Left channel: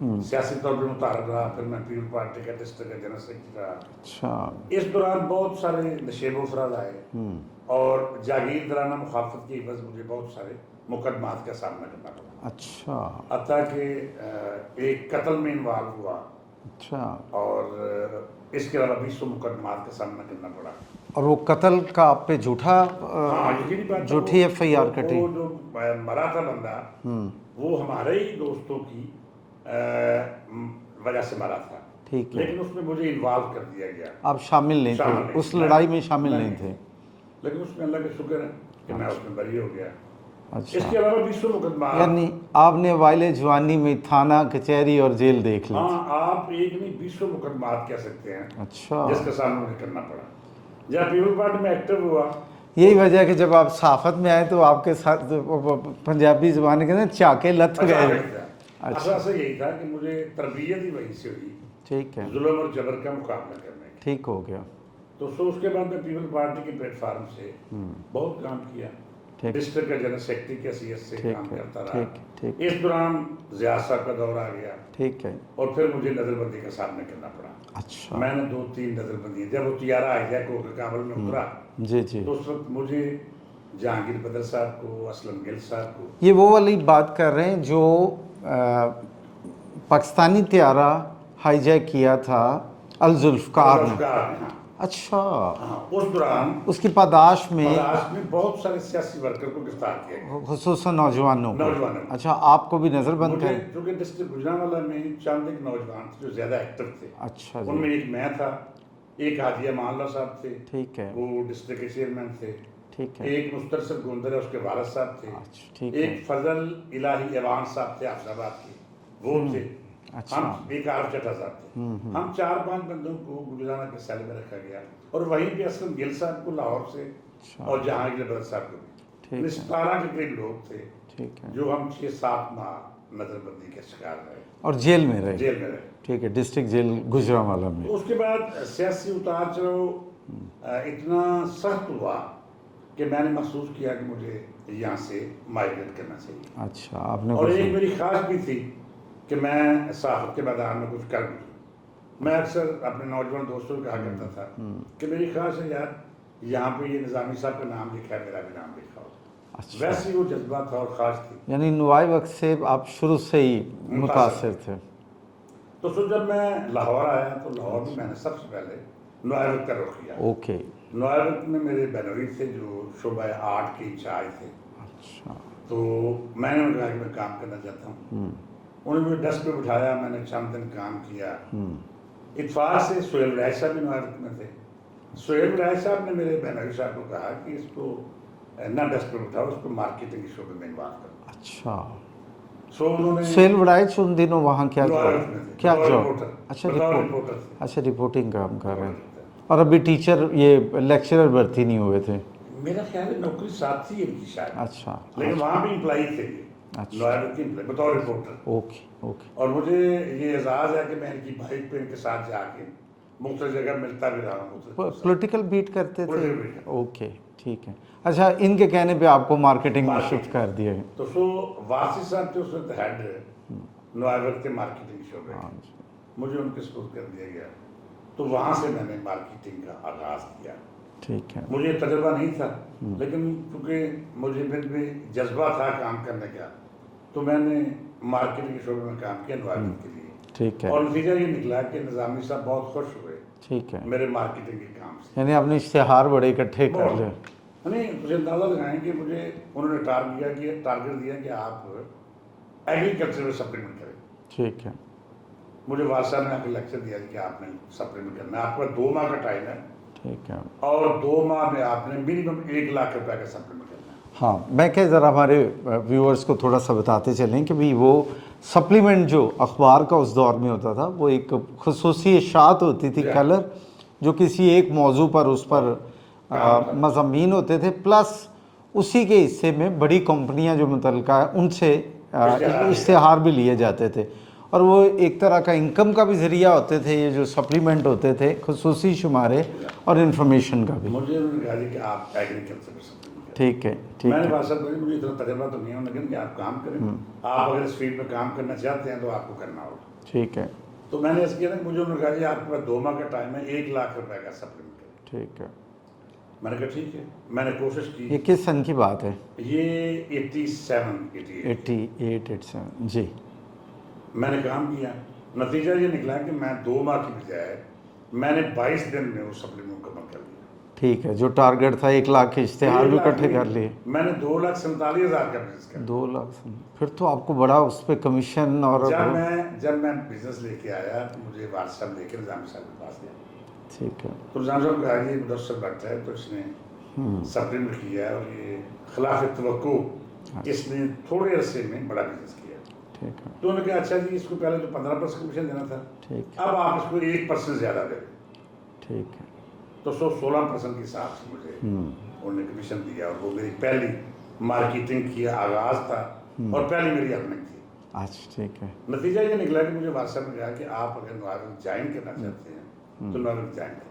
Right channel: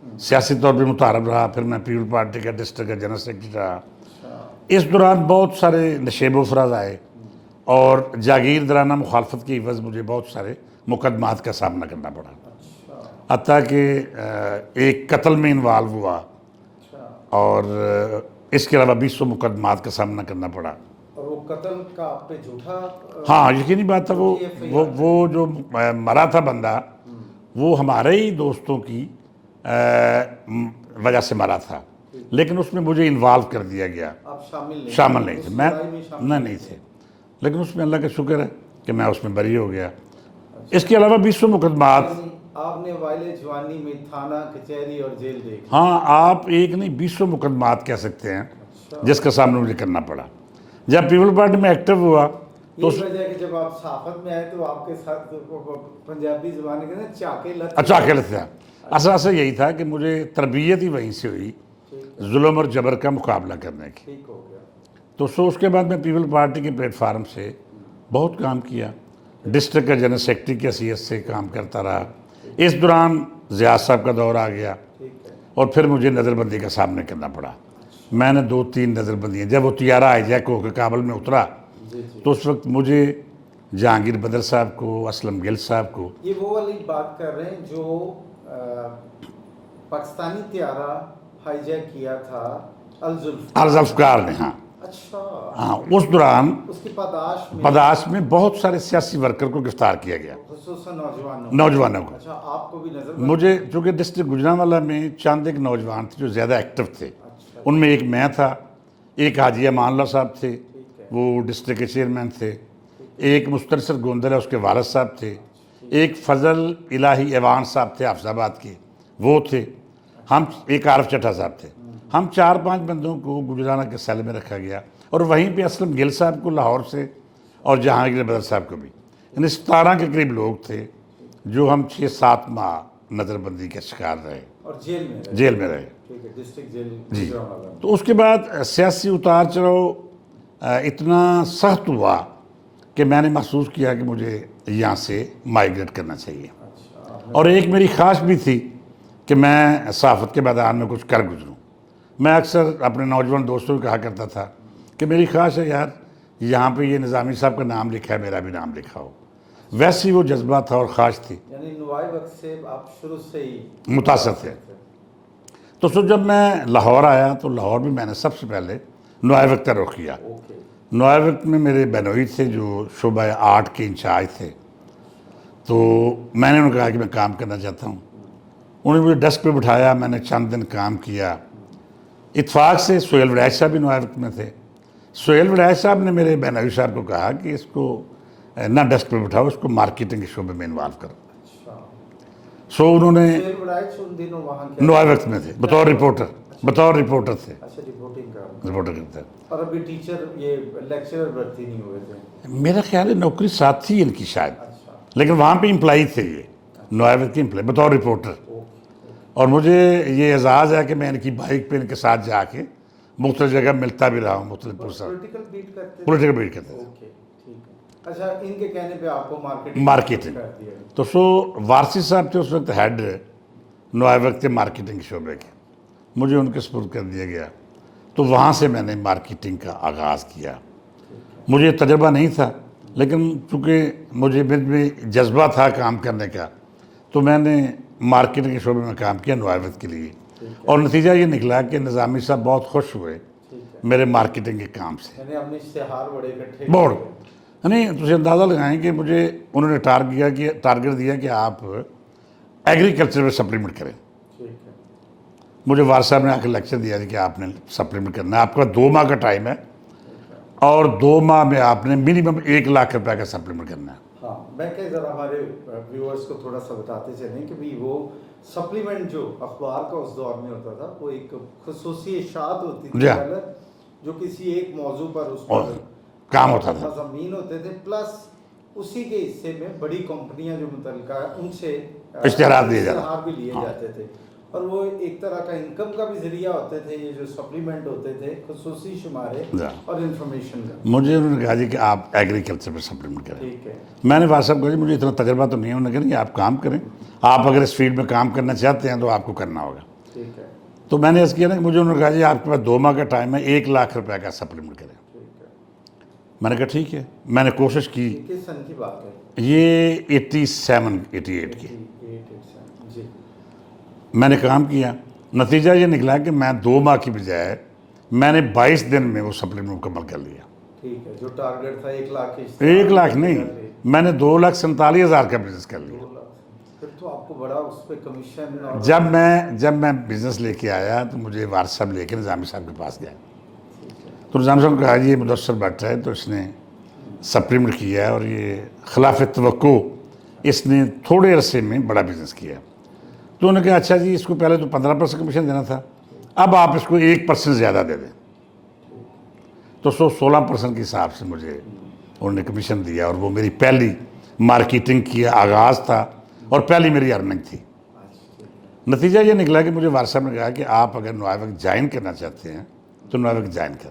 سیاسی طور پہ متعارف رہا، پھر میں پیپل پارٹی کا ڈسٹرکٹ کا جنرل سیکرٹری رہا۔ اچھا اس دوران بہت سارے نشیب و فراز آئے اور جاگیردارانہ مخالفت کی عوض مجھے بہت سارے مقدمات کا سامنا کرنا پڑا، اچھا حتیٰ کہ ایک قتل میں انوالو ہوا اچھا۔ اور اس کے علاوہ 200 مقدمات کا سامنا کرنا پڑا۔ اور وہ قتل کا آپ پہ جھوٹا ہاں یقینی بات ہے، جھوٹی FIR وہ جو مرا تھا بندہ وہ ہمارے ہی دوستوں کی وجہ سے مرا تھا، ٹھیک، لیکن اس میں مجھے انوالو کر دیا گیا، آپ شامل نہیں شامل تھے، نہیں اس تھے، لڑائی میں شامل میں نہیں تھے۔ لیکن اس میں اللہ کا شکر ہے کہ میں اس میں بری ہو گیا۔ اچھا، اس کے علاوہ 200 مقدمات۔ یعنی آپ نے وائل جوانی میں تھانہ کچہری اور جیل دیکھ لی۔ ہاں آپ ایک نہیں 200 مقدمات کہہ سکتے ہیں اچھا، جس کا سامنا مجھے کرنا پڑا۔ جب پیپل پارٹی میں ایکٹیو ہوا، یہی وجہ ہے کہ جب آپ صحافت میں آئے تو آپ کے ساتھ پنجابی زبان کے اندر چاکے لت اچھا کہتے ہیں، اصل یہی تھا کہ مجھے تربیت ہی وہیں سے ہوئی ٹھیک ہے، ظلم اور جبر کا مقابلہ کرنے کی۔ ٹھیک ہو گیا۔ تو اس کے بعد میں پیپل پارٹی کے پلیٹ فارم سے بہت کام کیا، ڈسٹرکٹ کا جنرل سیکرٹری کی حیثیت سے کام کرتا رہا۔ اس دوران ضیاء صاحب کا دور آ گیا ٹھیک ہے، اور پھر مجھے نظر بندی کا سامنا کرنا پڑا۔ اچھا میں نے 2-3 نظر بندیاں، جب وہ طیارہ ہائی جیک ہو کے کابل میں اترا جی جی، تو اس وقت مجھے جہانگیر بدر صاحب کو، اسلم گل صاحب کو، یہ وہ والی بات کر رہے ہیں جو پاکستانی طیارہ ہائی جیک کیا تھا الذوالفقار نے۔ ذوالفقار نے، ہاں اچھا، ہاں، اس دوران اس کی پاداش میں مداس میں بہت سارے سیاسی ورکر کو گرفتار کیا گیا، خصوصاً نوجوانوں کو۔ نوجوانوں کو۔ اچھا، آپ کو بھی نظر بند مجھے چونکہ ڈسٹرکٹ گجرانوالہ میں چند ایک نوجوان تھے جو زیادہ ایکٹیو تھے، اچھا ان میں ایک میں تھا، ایک حاجی امان اللہ صاحب تھے، ٹھیک ہے، وہ ڈسٹرکٹ کے چیئرمین تھے، ٹھیک ہے، ایک مسترسل گوندل ہے اس کے والد صاحب تھے، ٹھیک ایک فضل الہی ایوان صاحب تھے حافظ آباد کے، وہ تھے، ہم ایک عارف چٹھا صاحب تھے۔ ہم 4-5 بندوں کو گجرانہ کے سیل میں رکھا گیا اور وہیں پہ اسلم گل صاحب کو لاہور سے اور جہانگیر بدر صاحب کو بھی، یعنی 17 کے قریب لوگ تھے جو ہم 6-7 ماہ نظر بندی کے شکار رہے اور جیل میں رہے، جیل میں رہے۔ ٹھیک ہے، ڈسٹرکٹ جیل گجرانوالہ میں۔ تو اس کے بعد سیاسی اتار چڑھاؤ اتنا سخت ہوا کہ میں نے محسوس کیا کہ مجھے یہاں سے مائیگریٹ کرنا چاہیے، اچھا، آپ نے اور ایک میری خواہش بھی تھی کہ میں صحافت کے میدان میں کچھ کر گزروں۔ میں اکثر اپنے نوجوان دوستوں کو کہا کرتا تھا کہ میری خواہش ہے یار یہاں پہ یہ نظامی صاحب کا نام لکھا ہے، میرا بھی نام لکھا ہو۔ ویسی وہ جذبہ تھا اور خواہش تھی۔ یعنی نوائے وقت سے آپ شروع سے ہی متاثر تھے۔ تو جب میں لاہور آیا تو لاہور میں میں نے سب سے پہلے نوائے وقت کا رخ کیا۔ اوکے، نوائے وقت میں میرے بینوئی تھے جو شعبہ آرٹ کے انچارج تھے، تو میں نے انہیں کہا کہ میں کام کرنا چاہتا ہوں۔ انہوں نے مجھے ڈیسک پہ بٹھایا، میں نے چند دن کام کیا۔ اتفاق سے سہیل وڑائچ صاحب بھی نوائے وقت میں تھے۔ سہیل وڑائچ صاحب نے میرے بینوئی صاحب کو کہا کہ اس کو نہ ڈیسک پہ بٹھاؤ، اس کو مارکیٹنگ کے شعبے میں انوالو کرو۔ اچھا، انہوں نے سہیل وڑائچ ان دنوں وہاں کیا نوائے وقت میں تھے بطور رپورٹر، بطور رپورٹر تھے، اچھا رپورٹنگ کام کر رپورٹر کرتے۔ اور ابھی ٹیچر یہ لیکچرر بھرتی نہیں ہوئے تھے؟ میرا خیال ہے نوکری ساتھ تھی ان کی شاید، اچھا، لیکن وہاں پہ امپلائی تھے یہ، نوائے وقت کے امپلائی بطور رپورٹر۔ اوکے اوکے، اور مجھے یہ اعزاز ہے کہ میں ان کی بائک پہ ان کے ساتھ جا کے مختلف جگہ ملتا بھی رہا ہوں، مختلف پولیٹیکل بیٹ کرتے تھے؟ پولیٹیکل بیٹ کرتا۔ اوکے ٹھیک ہے، اچھا ان کے کہنے پہ آپ کو مارکیٹنگ کر دیا گیا؟ تو وارسی صاحب تھے اس وقت ہیڈ نوائے وقت کے مارکیٹنگ شعبے کے، مجھے ان کے سپرد کر دیا گیا۔ تو وہاں سے میں نے مارکیٹنگ کا آغاز کیا۔ ٹھیک ہے، مجھے تجربہ نہیں تھا، لیکن چونکہ مجھے میں جذبہ تھا کام کرنے کا، تو میں نے مارکیٹنگ کے شعبے میں کام کیا نوائے وقت کے لیے، ٹھیک ہے، اور نتیجہ یہ نکلا کہ نظامی صاحب بہت خوش ہوئے ٹھیک ہے، میرے مارکیٹنگ کے کام سے۔ یعنی آپ نے اشتہار بڑے اکٹھے بہت کر لے۔ نہیں تجھے اندازہ لگائیں کہ مجھے انہوں نے ٹارگٹ دیا کہ آپ ایگریکلچر میں سپلیمنٹ کریں۔ ٹھیک ہے، مجھے وارث صاحب نے آ کے لیکچر دیا کہ آپ نے سپلیمنٹ کرنا ہے، آپ کا 2 ماہ کا ٹائم ہے، ٹھیک ہے، اور 2 ماہ میں آپ نے منیمم 1 لاکھ روپے کا سپلیمنٹ کرنا ہے۔ ہاں میں کہ ذرا ہمارے ویورز کو تھوڑا سا بتاتے چلیں کہ بھی وہ سپلیمنٹ جو اخبار کا اس دور میں ہوتا تھا وہ ایک خصوصی اشاعت ہوتی تھی کلر، جو کسی ایک موضوع پر اس پر کام ہوتا تھا، مضامین ہوتے تھے، پلس اسی کے حصے میں بڑی کمپنیاں جو متعلقہ ہے ان سے اشتہار بھی لیے جاتے تھے، اور وہ ایک طرح کا انکم کا بھی ذریعہ ہوتے تھے یہ جو سپلیمنٹ ہوتے تھے، خصوصی شمارے اور انفارمیشن کا بھی۔ مجھے انہوں نے کہا جی کہ آپ ایگریکلچر میں سپلیمنٹ کریں۔ ٹھیک ہے، میں نے وارث صاحب کو کہا مجھے اتنا تجربہ تو نہیں ہے، انہوں نے کہا کہ آپ کام کریں، آپ اگر اس فیلڈ میں کام کرنا چاہتے ہیں تو آپ کو کرنا ہوگا۔ ٹھیک ہے تو میں نے اس کیا نا کہ مجھے انہوں نے کہا جی آپ کے پاس 2 ماہ کا ٹائم ہے، 1 لاکھ روپے کا سپلیمنٹ کریں. ٹھیک ہے. میں نے کہا ٹھیک ہے. میں نے کوشش کی. یہ کس سن کی بات ہے؟ یہ 87 88 کی. 87 جی. میں نے کام کیا. نتیجہ یہ نکلا کہ میں 2 ماہ کی بجائے میں نے 22 دن میں وہ سپلیمنٹ مکمل کر لیا. ٹھیک ہے. جو ٹارگٹ تھا 1 لاکھ کے 1 لاکھ نہیں، میں نے 2,47,000 کا بزنس کر لیا. 2 لاکھ. پھر تو آپ کو بڑا اس پہ کمیشن. اور جب میں بزنس لے کے آیا تو مجھے وارث صاحب لے کے نظامی صاحب کے پاس گیا. ٹھیک ہے. تو نظام صاحب نے کہا یہ مدثر بٹ ہے تو اس نے سپلیمنٹ کیا ہے اور یہ خلاف توقع اس نے تھوڑے عرصے میں بڑا بزنس کیا. تو انہوں نے کہا اچھا جی اس کو پہلے تو 15% کمیشن دینا تھا، اب آپ اس کو 1% زیادہ دے دیں. ٹھیک ہے. تو 16% کے حساب سے مجھے انہوں نے کمیشن دیا اور وہ میری پہلی مارکیٹنگ کی آغاز تھا اور پہلی میری ارننگ تھی. اچھا ٹھیک ہے. نتیجہ یہ نکلا کہ مجھے وارث صاحب نے کہا کہ آپ اگر نوائے جوائن کرنا چاہتے ہیں تو نوائے جوائن کر.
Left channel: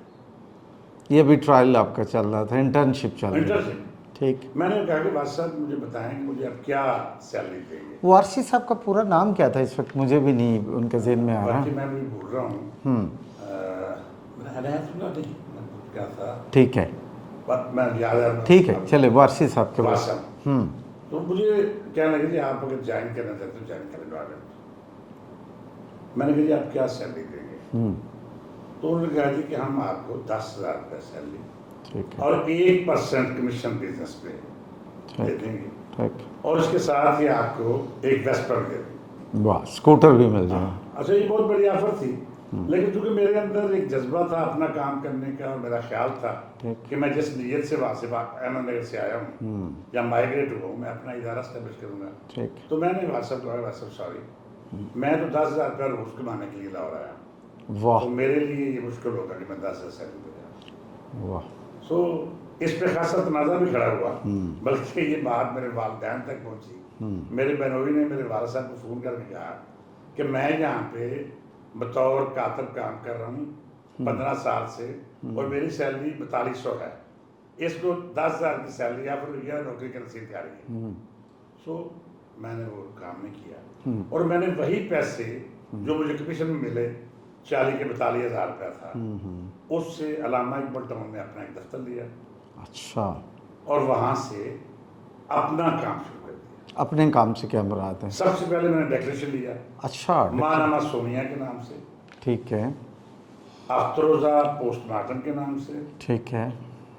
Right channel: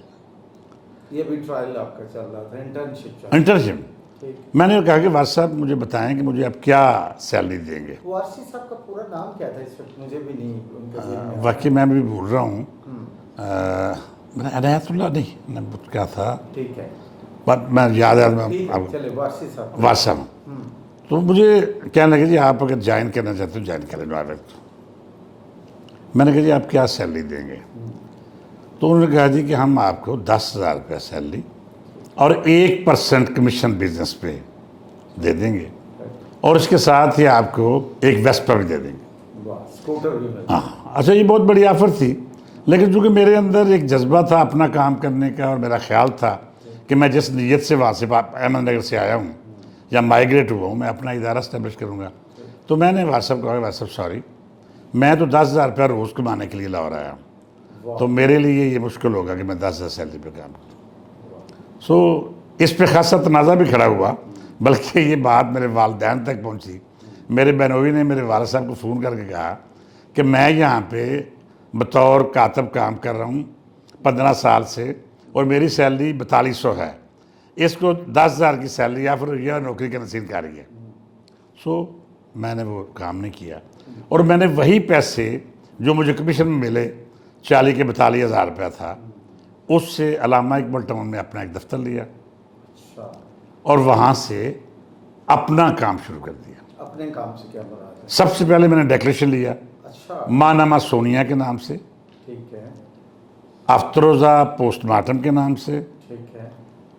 یہ بھی ٹرائل آپ کا چل رہا تھا، انٹرنشپ چل رہا انٹرنشپ. ٹھیک. میں نے کہا کہ وارث صاحب مجھے بتائیں کہ مجھے اب کیا سیلری دیں گے. وارثی صاحب کا پورا نام کیا تھا اس وقت؟ مجھے بھی نہیں ان کے ذہن میں آیا. واقعی میں بھی بھول رہا ہوں. عنایت اللہ نہیں کیا تھا. ٹھیک ہے. میں یاد ہے. ٹھیک ہے چلے وارثی صاحب. وارث صاحب. تو مجھے کہنے لگے جی آپ اگر جوائن کرنا چاہتے ہو جوائن کریں نوائے. میں نے کہا جی آپ کیا سیلری دیں گے؟ تو انہوں نے کہا جی کہ ہم آپ کو 10,000 روپیہ سیلری اور 1% کمیشن بزنس پہ دے دیں گے اور اس کے ساتھ ہی آپ کو ایک ویسپا بھی دے دیں گے. واہ. اسکوٹر بھی مل جائے. اچھا یہ بہت بڑی آفر تھی، لیکن چونکہ میرے اندر ایک جذبہ تھا اپنا کام کرنے کا اور میرا خیال تھا کہ میں جس نیت سے وہاں سے احمد نگر سے آیا ہوں یا مائیگریٹ ہوا ہوں میں اپنا ادارہ اسٹیبلش کروں گا. تو میں نے وارث صاحب کو کہا وارث صاحب سوری میں تو 10,000 روپیہ روز کمانے کے لیے لاہور آیا ہوں، تو میرے لیے یہ مشکل ہوگا کہ میں 10,000 سیلری پہ کام کروں. سو اس پہ خاصا تنازع بھی کھڑا ہوا، بلکہ یہ بات میرے والدین تک پہنچی. میرے بہنوئی نے میرے والد صاحب کو فون کر کے کہا کہ میں یہاں پہ بطور کاتب کام کر رہا ہوں 15 سال سے اور میری سیلری 4200 ہے، اس کو 10,000 کی سیلری یا پھر یہ نوکری کا نصیب کر رہی ہے. سو میں نے وہ کام نہیں کیا اور میں نے وہی پیسے جو مجھے کمیشن میں ملے 40 کے 42,000 روپیہ تھا، اس سے علامہ اقبال ٹاؤن میں اپنا ایک دفتر لیا. اچھا. اور وہاں سے اپنا کام شروع کر دیا. اپنے کام سے کیا مراد ہے؟ سب سے پہلے میں نے ڈیکلیریشن لیا. اچھا. ماں سونیا کے نام سے. ٹھیک ہے. ہفتروزہ پوسٹ مارٹم کے نام سے. ٹھیک ہے.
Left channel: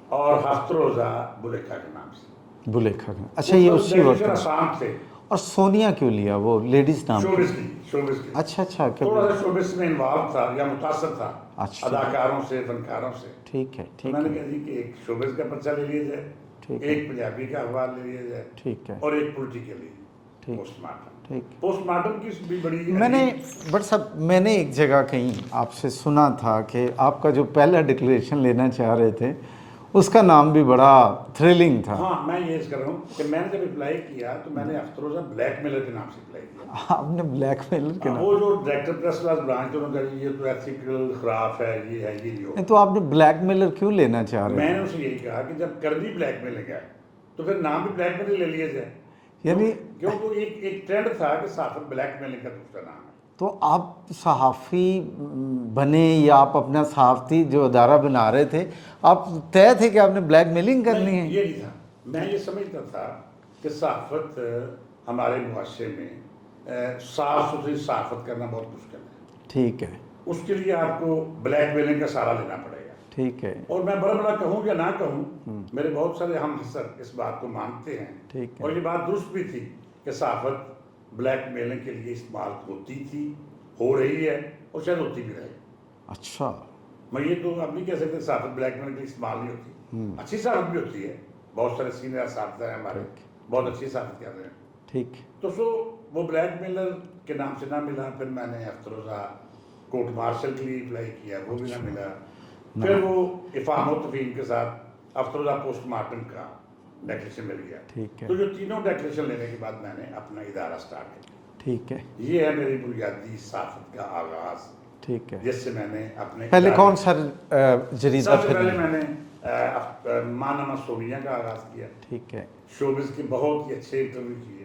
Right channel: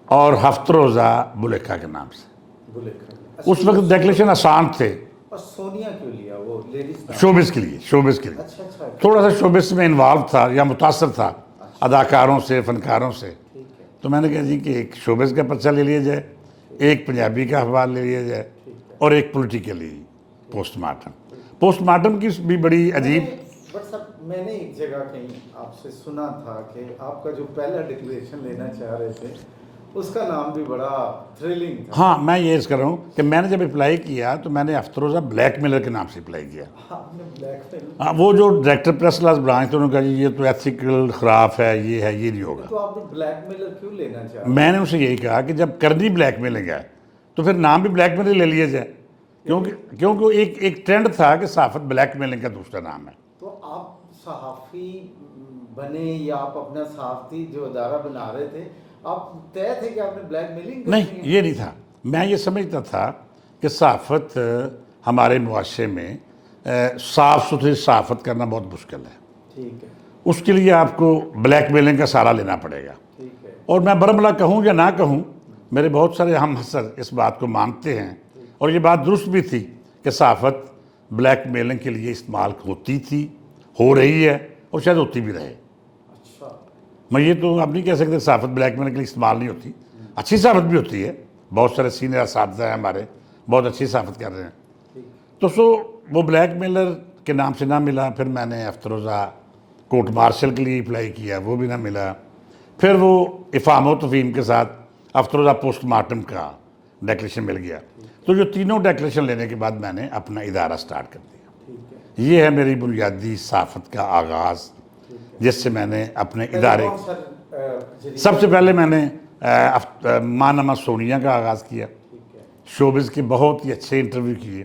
اور ہفتروزہ بلیکھا کے نام سے. بلیکھا. اس وقت ڈیکلیریشن آسان تھے. اور سونیا کیوں لیا؟ وہ لیڈیز نام. شوبز کے لیے. شوبز کے لیے. اچھا اچھا. تھوڑا سا شوبز میں انوالو تھا یا متاثر تھا اداکاروں سے، فنکاروں سے. ٹھیک ہے. تو میں نے کہا جی کہ ایک شوبز کا پرچہ لے لیا جائے، ایک پنجابی کا اخبار لے لیا جائے، ٹھیک ہے. اور ایک politically post mortem. Post mortem کی بھی بڑی عجیب. بٹ صاحب میں نے ایک جگہ کہیں آپ سے سنا تھا کہ آپ کا جو پہلا ڈکلیریشن لینا چاہ رہے تھے اس کا نام بھی بڑا تھرلنگ تھا. ہاں میں یہ عرض کر رہا ہوں کہ میں نے جب اپلائی کیا تو میں نے ہفتروزہ بلیک میلر کے نام سے اپلائی کیا. آپ نے بلیک میلر؟ وہ جو ڈائریکٹر پریس کلاس برانچ تھے انہوں نے کہا جی یہ تو ایتھیکل خلاف ہے، یہ ہے، یہ نہیں ہوگا. تو آپ نے بلیک میلر کیوں لینا چاہ رہے؟ میں نے اسے یہی کہا کہ جب کرنی بلیک میلنگ ہے تو پھر نام بھی بلیک میلر لے لیا جائے، کیونکہ ایک ٹرینڈ تھا کہ صحافت بلیک میلنگ کا دوسرا نام ہے. تو آپ صحافی بنے یا آپ اپنا صحافتی جو ادارہ بنا رہے تھے، آپ طے تھے کہ آپ نے بلیک میلنگ کرنی ہے؟ نہیں، یہ نہیں تھا. میں یہ سمجھتا تھا کہ صحافت ہمارے معاشرے میں صاف ستھری صحافت کرنا بہت مشکل ہے. ٹھیک ہے. اس کے لیے آپ کو بلیک میلنگ کا سہارا لینا پڑے گا. ٹھیک ہے. اور میں برملا کہوں یا نہ کہوں، میرے بہت سارے ہم حسر اس بات کو مانتے ہیں اور یہ بات درست بھی تھی کہ صحافت بلیک میلنگ کے لیے استعمال ہوتی تھی، ہو رہی ہے اور شاید ہوتی بھی رہے. اچھا. میں یہ تو آپ نہیں کہہ سکتے صحافت بلیک میلنگ کے لیے استعمال نہیں ہوتی. اچھی صحافت بھی ہوتی ہے، بہت سارے سینئر اساتذہ ہیں ہمارے بہت اچھی صحافت کر رہے ہیں. ٹھیک. تو وہ بلیک میلر کے نام سے نہ ملا. پھر میں نے ہفتروزہ کورٹ مارشل کے لیے اپلائی کیا، وہ بھی نہ ملا. پھر وہ افہام و تفہیم کے ساتھ ہفتروزہ پوسٹ مارٹم کا ڈیکلیریشن مل گیا. تو جو تینوں ڈیکلیریشن لینے کے بعد میں نے اپنا ادارہ سٹارٹ کر دیا. ٹھیک ہے. یہ ہے میری بنیادی صحافت کا آغاز. ٹھیک ہے. جس سے میں نے اپنے ادارے سب سے پہلے میں نے ماں سونیا کا آغاز کیا. ٹھیک ہے. شوبز کے بہت ہی اچھے انٹرویو کیے،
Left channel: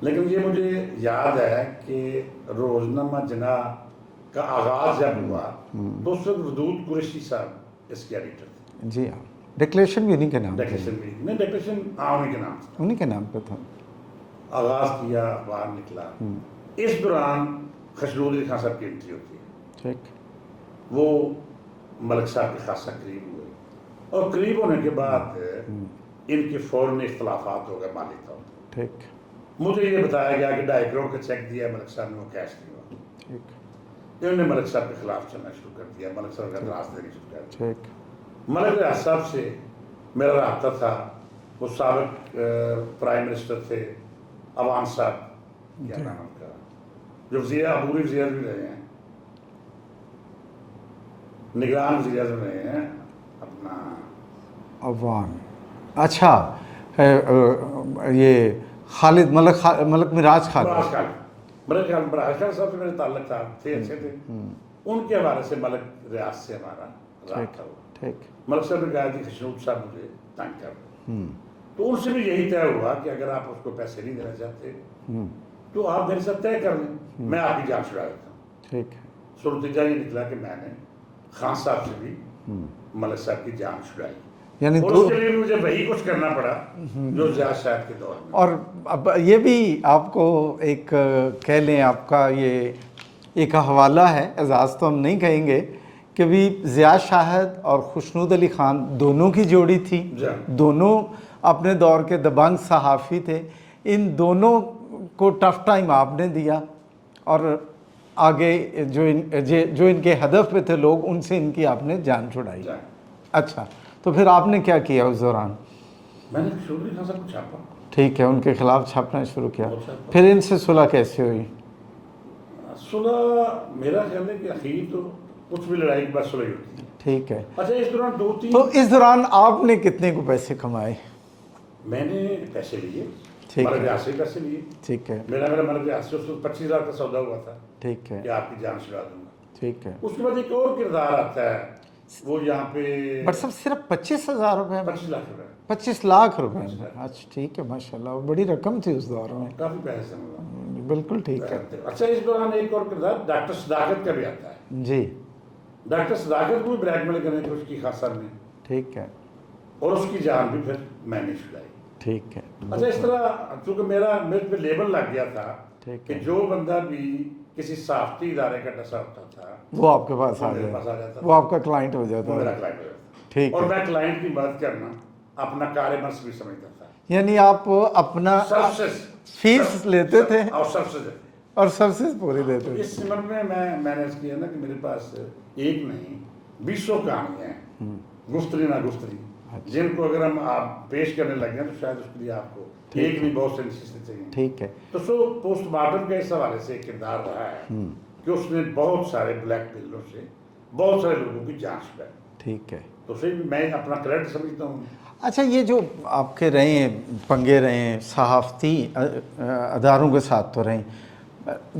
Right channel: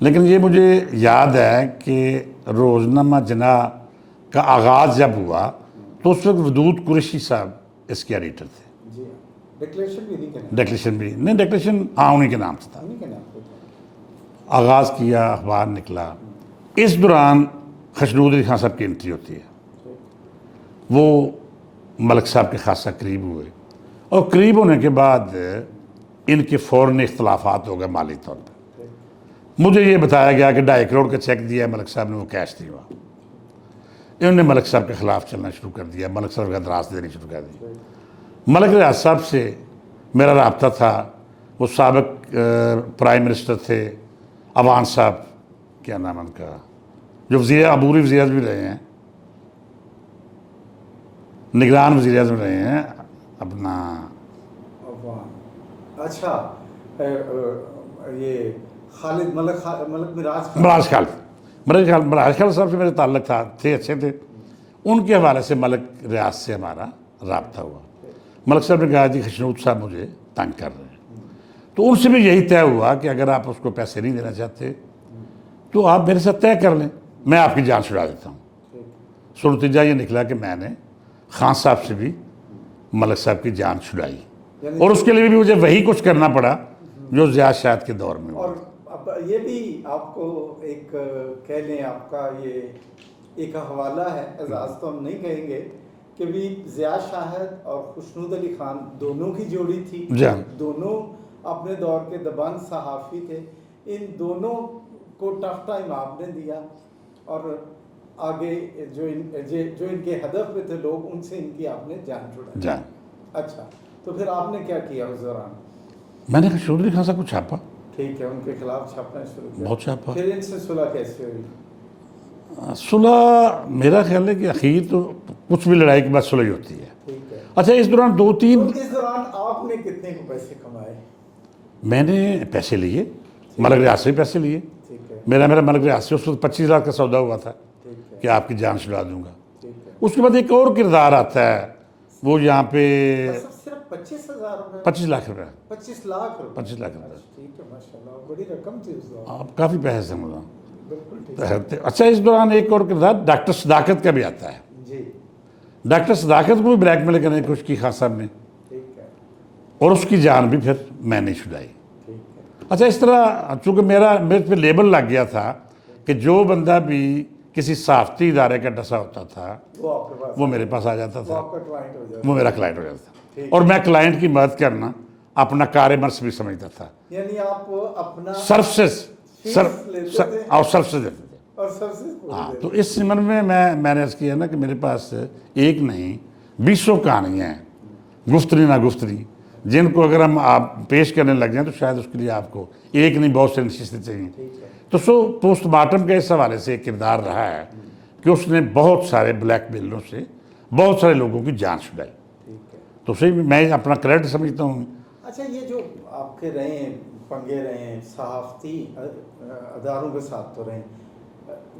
لیکن یہ مجھے یاد ہے کہ روزنامہ جنا کا آغاز جب ہوا تو اس وقت ودود قریشی صاحب اس کے ایڈیٹر تھے. جی ہاں, ڈکلیریشن بھی انہیں کے نام, ڈیکلیریشن بھی نہیں, ڈیکلیریشن ہاں انہیں کے نام سے تھا. انہیں کے نام پہ تھا. آغاز کیا, اخبار نکلا. اس دوران خشنود علی خان صاحب کی انٹری ہوتی ہے. ٹھیک. وہ ملک صاحب کے خاصا قریب ہوئے, اور قریب ہونے کے بعد ان کے فوراً اختلافات ہو گئے مالی طور پر. ٹھیک. مجھے یہ بتایا گیا کہ 2.5 کروڑ کا چیک دیا ہے ملک صاحب نے, وہ کیش نہیں ہوا. انہوں نے ملک صاحب کے خلاف چلنا شروع کر دیا, ملک صاحب کا دراز دینی شروع کر دی. ٹھیک. ملک ریاض صاحب سے میرا رابطہ تھا. وہ سابق پرائم منسٹر تھے, عوان صاحب, کیا نام ان کا, جو عبوری وزیر اعظم بھی رہے ہیں, نگران وزیر اعظم رہے ہیں اپنا عوام. اچھا, یہ خالد ملک مراج خان. مراج خالد صاحب سے میرے تعلق تھے, اچھے تھے. ان کے حوالے سے ملک ریاض سے ہمارا رابطہ ہوا. ٹھیک. ملک صاحب نے کہا جی خشنود صاحب مجھے تنگ کر رہے ہیں. تو ان سے بھی یہی طے ہوا کہ اگر آپ اس کو پیسے نہیں دینا چاہتے تو آپ میرے ساتھ طے کر لیں, میں آپ کی جان چھڑا دیتا ہوں. ٹھیک. سو نتیجہ یہ نکلا کہ میں نے خان صاحب سے بھی ملک صاحب کی جان چھڑائی, یعنی اور اس کے لیے بھی مجھے وہی کچھ کرنا پڑا جو زیاد شاہد کے دور میں. اور اب یہ بھی آپ کو ایک کہہ لیں, آپ کا یہ ایک حوالہ ہے, اعزاز تو ہم نہیں کہیں گے, کہ بھی زیاد شاہد اور خشنود علی خان دونوں کی جوڑی تھی. دونوں اپنے دور کے دبنگ صحافی تھے. ان دونوں کو ٹف ٹائم آپ نے دیا, اور آگے جو ان کے ہدف پہ تھے لوگ, ان سے ان کی آپ نے جان چھڑائی. اچھا, تو پھر آپ نے کیا کیا اس دوران؟ میں نے خشنود علی خان صاحب کو چھاپا. ٹھیک ہے, ان کے خلاف چھاپنا شروع کیا. بہت چھاپا. پھر ان سے صلح کیسے ہوئی؟ صلح میرا خیال ہے کہ اخیر تو کچھ بھی لڑائی کے بعد صلح ہی ہوتی ہے. ٹھیک ہے. اچھا, اس دوران تو 2-3 اس دوران آپ نے کتنے کو پیسے کمائے؟ میں نے پیسے لیے, ملک ریاض سے بھی پیسے لیے. ٹھیک ہے. میرا ملک ریاض سے اس وقت 25,000 کا سودا ہوا تھا ٹھیک ہے. کہ آپ کی جان چھڑا دوں گا. ٹھیک ہے. اس کے بعد ایک اور کردار آتا ہے, وہ یہاں پہ بٹ سب صرف 25,000 روپے, 25 لاکھ روپے. 25 لاکھ روپے. 25 لاکھ. اچھا ٹھیک ہے, ماشاءاللہ بڑی رقم تھی اس دوران. کافی پیسے ہیں مطلب. بالکل ٹھیک ہے. اچھا, اس دوران ایک اور کردار ڈاکٹر صداقت کا بھی آتا ہے. جی. ڈاکٹر صداقت کو بھی بلیک میل کرنے کی کوشش کی خان صاحب نے, ٹھیک ہے. اور اس کی جان بھی پھر میں نے چھڑائی. ٹھیک ہے. اچھا, اس طرح چونکہ میرے پہ لیبل لگ گیا تھا کہ جو بندہ بھی کسی صحافتی ادارے کا ڈسا ہوتا تھا وہ آپ کے پاس, وہ میرے پاس آ جاتا وہ تھا, آپ کا کلائنٹ ہو جاتا. وہ میرا کلائنٹ ہو جاتا تھا. ٹھیک. اور میں کلائنٹ کی مدد کرنا اپنا کار مرس بھی سمجھتا تھا. یعنی آپ اپنا سروسز فیس لیتے تھے اور سروسز دیتے تھے, اور سروسز پوری دیتے. تو اس سمن میں میں نے عرض کیا نا کہ میرے پاس ایک نہیں 200 کہانیاں ہیں, گفتری نہ گفتری, جن کو اگر ہم آپ پیش کرنے لگ جائیں تو شاید اس کے لیے آپ کو ایک نہیں بہت سے نشستیں چاہیے. ٹھیک ہے. تو پوسٹ مارٹم کے اس حوالے سے ایک کردار رہا ہے کہ اس نے بہت سارے بلیک میلوں سے بہت سارے لوگوں کی جان چھڑائی. ٹھیک ہے. تو اسے بھی میں اپنا کریڈٹ سمجھتا ہوں. اچھا, یہ جو آپ کے رہے ہیں پنگے رہے ہیں صحافتی اداروں کے ساتھ تو رہیں,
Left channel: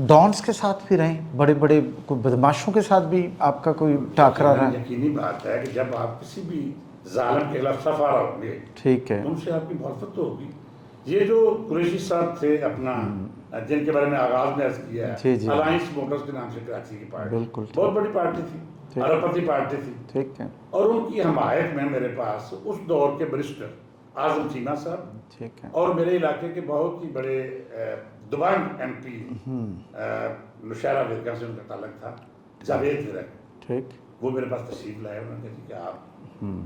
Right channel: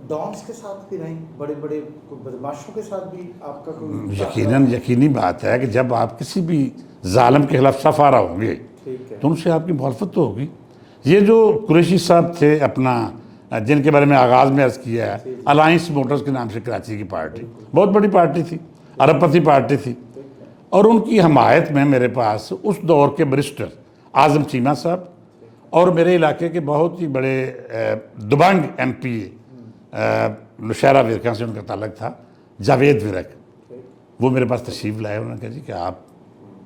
ڈانس کے ساتھ بھی رہیں, بڑے بڑے کوئی بدماشوں کے ساتھ بھی آپ کا کوئی ٹاکرا رہا؟ یقینی بات ہے کہ جب آپ کسی بھی ظالم کے خلاف صف آ رہا ہوں گے ٹھیک ہے, تو ان سے آپ کی مخالفت تو ہوگی. یہ جو قریشی صاحب تھے اپنا, جن کے بارے میں آغاز میں عرض کیا ہے, الائنس موٹرز کے نام سے کراچی کی پارٹی, بہت بڑی پارٹی تھی, ارب پتی پارٹی تھی. ٹھیک ہے. اور ان کی حمایت میں میرے پاس اس دور کے بریسٹر اعظم چیمہ صاحب اور میرے علاقے کے بہت ہی بڑے دبنگ ایم پی نوشہرہ ورکا سے ان کا تعلق تھا, جاوید ورک. ٹھیک. وہ میرے پاس تشریف لائے, انہوں نے کہا جی کہ آپ